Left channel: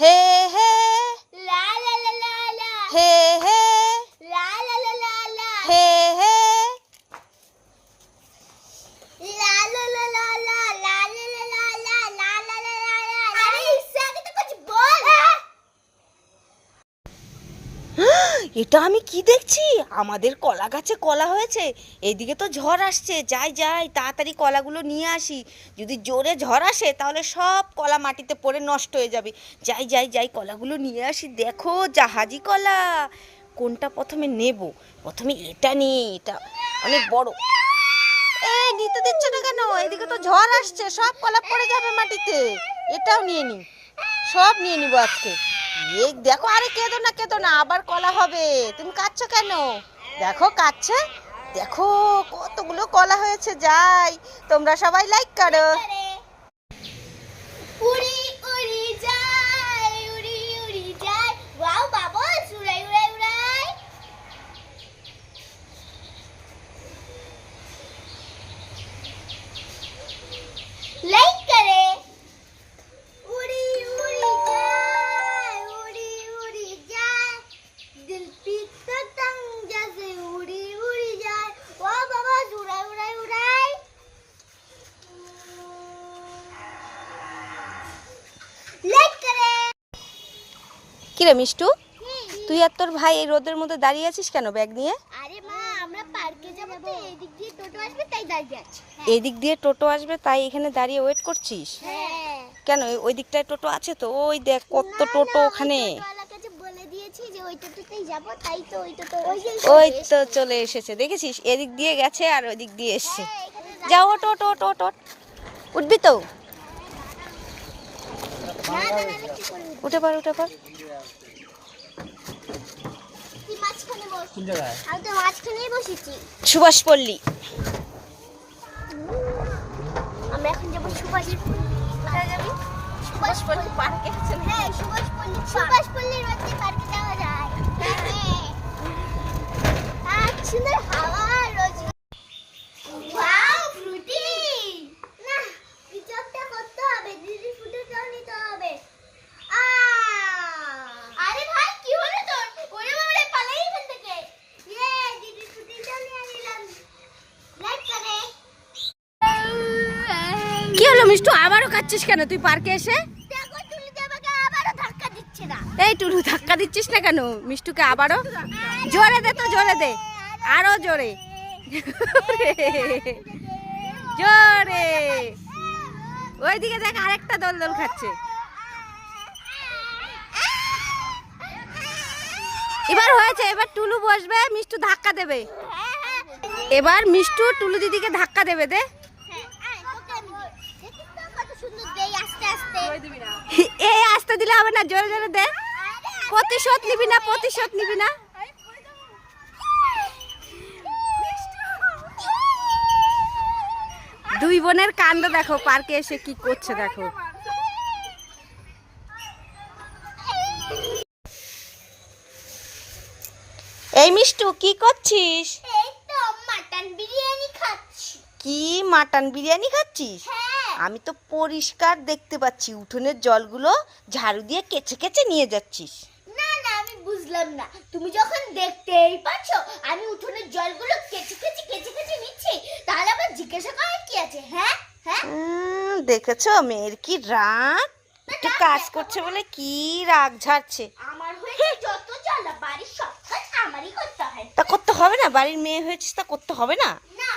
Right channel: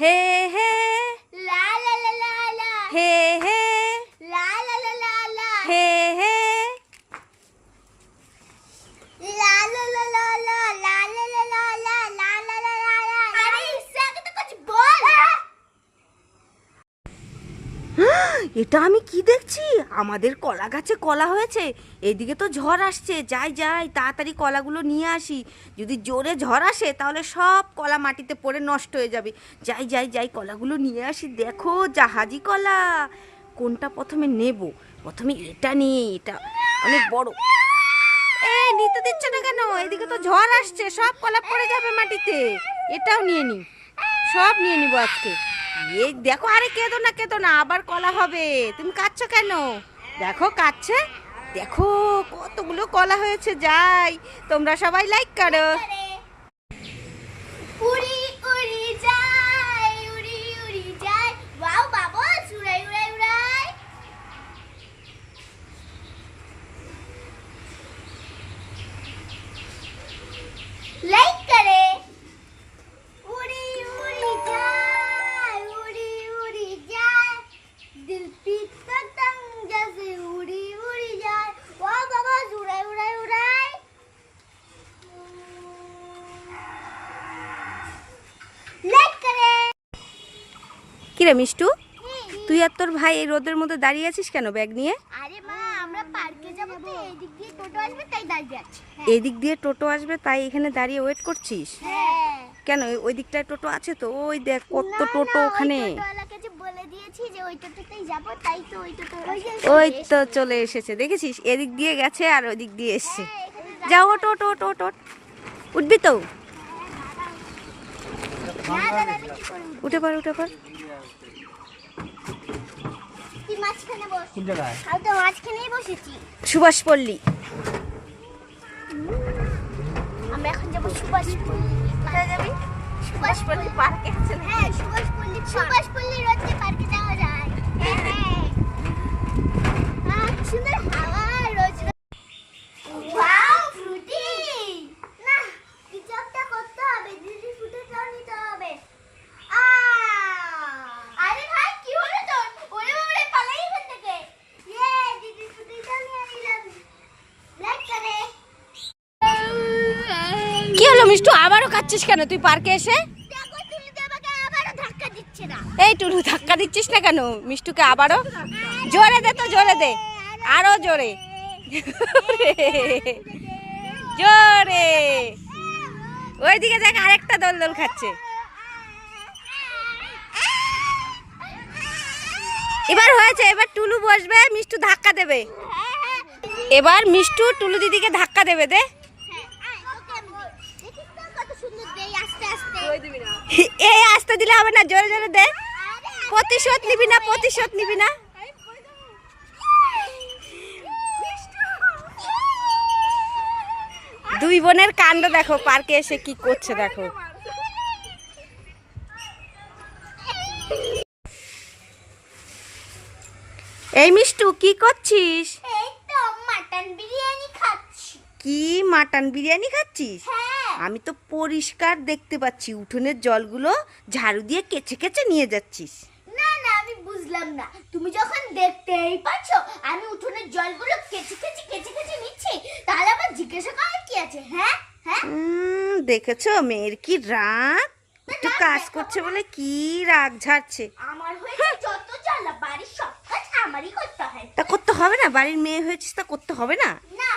Hey, hey. La la la la la. Hey. এটা আমি কি দেখছি? আমাদের কলা গাছে কলা হয়েছে। এদিকে তো ঝড় আসছে। যাই যাই, তাড়াতাড়ি কলাগুলো নিয়ে আসি। যদি জোরে ঝড় আসে, তাহলে সব কলা মাটিতে পড়ে নষ্ট হয়ে যাবে। যাই যাই যাই, কলাগুলো নিয়ে আসি। দেখো, জাহাজি কলা। কোনটা প্রথমে নেব? প্রথমে এটা নিয়ে, এটা অনেক বড়। এই, নিতে দিচ্ছে না কেন? এদিকে তো ঝড় আসছে। সব কলা পড়ে যাবে মাটিতে। এটাও নিয়ে নি। সব নিয়ে নিব আজকে। এই দেখো, আরে কেঁদো না কেঁদো না, আবার কলা হবে। তুমি কাচ্ছ কেন? দেখো কাচ্ছে দেখো, কতগুলো কলা হয়েছে, যাই। তোমরা সবাই লাইক করো। উড়াই লাইক কিরে মিষ্টু? তুই আর তোর ভাই এই রোদের মধ্যে দাঁড়িয়ে আছিস কেন ব্যাগ নিয়ে? আরে মা আমরা পার্কে যাব তো এই দিক দিয়ে টোটো আসবে তাই দাঁড়িয়ে আছি। এই দিক দিয়ে টোটো আসবে তাই এখানে দাঁড়িয়ে ওয়েট করছিস? হ্যাঁ। কেন ওই- দিকটায় টোটো আছে তো? ওই দেখ কত টোটো ওখানে। ওই তো টোটো চলে এসেছে দেখেছিস? এদিক দিয়ে গেছে আর ওই দিক দিয়ে এসছে। হ্যাঁ, যাও ওট ওট ওট উঠবি তো? উঠে পার উঠে পার কোন জায়গায়? আমি তো মাঝখানেই বসেছি। সুভাষ পল্লী। আমি এখন যাব সুভাষ কোথায় যাবি? সুভাষ পল্লী পার্কে আছে হ্যাঁ সুভাষ পল্লী সুভাষ পল্লী রোডে পার্কে যাওয়া যায় হ্যাঁ হ্যাঁ আহ, সুন্দর হাওয়া রোজ ওয়াও ফ্রুটি না পিকআপটা করতে হবে দিদি ফুটেটাও নিতে হবে আ আরে ভাই কি হলো তোর ওরে বাবারে পালাই এখান থেকে ইয়ে দিদি ফুটেটাও নিয়ে নিলাম লাইক করে কি হলো মিষ্টু আবারও কাচ্ছিস কেন? তুই পার্কে এসে? এই টুলু ধাক্কা দিচ্ছিস না কেন? মিষ্টুকে আবারও? জোরে দে তো জোরে দে। আরও জোরে। জোরে। ওইদিকে দেখ আরেকটা দোল দোল খাচ্ছে। এবার হয়েছে এবার টুলু বসবে মিষ্টু ধাক্কা দেবে। এবার মিষ্টু টুলু দিদিকে ধাক্কা দেবে দে কত সুন্দর দেই আস্তে আস্তে এই আসতে দিলে হবে না জোরে জোরে দে। প্রতিশোধ নিবি না প্রতিশোধ নিবি না। দুই বোনের কাণ্ড দেখো পার্কে এসে কি করছে দেখো। এই মিষ্টু কি করছিস? কি মাটন বিরিয়ানি খাচ্ছিস? হ্যাঁ আমি তো পরিষ্কার দেখতে পাচ্ছি উঠোনের জলগুলো ঝাড়ু দিয়ে কেচে কেচে নিয়ে যাচ্ছিস। না না আমি বুঝলাম না। তুমি যখন দেখতেই পাচ্ছ আমি উঠোনের জলগুলো কেচে কেচে কেচে কেচে নিচ্ছি তাহলে আবার জিজ্ঞাসা করার কি আছে হ্যাঁ? হ্যাঁ? দেখেছ মেয়ের কি রাগ? একটু কাজ করছে বলে কি রাগ ঝাড়ছে? আমার হয়েছে যত জ্বালা বাড়ির সব কাজ আমারই করতে হয়। তা করতে হবে না বাড়ির মেয়ে হয়েছিস তা করতে হবে না? না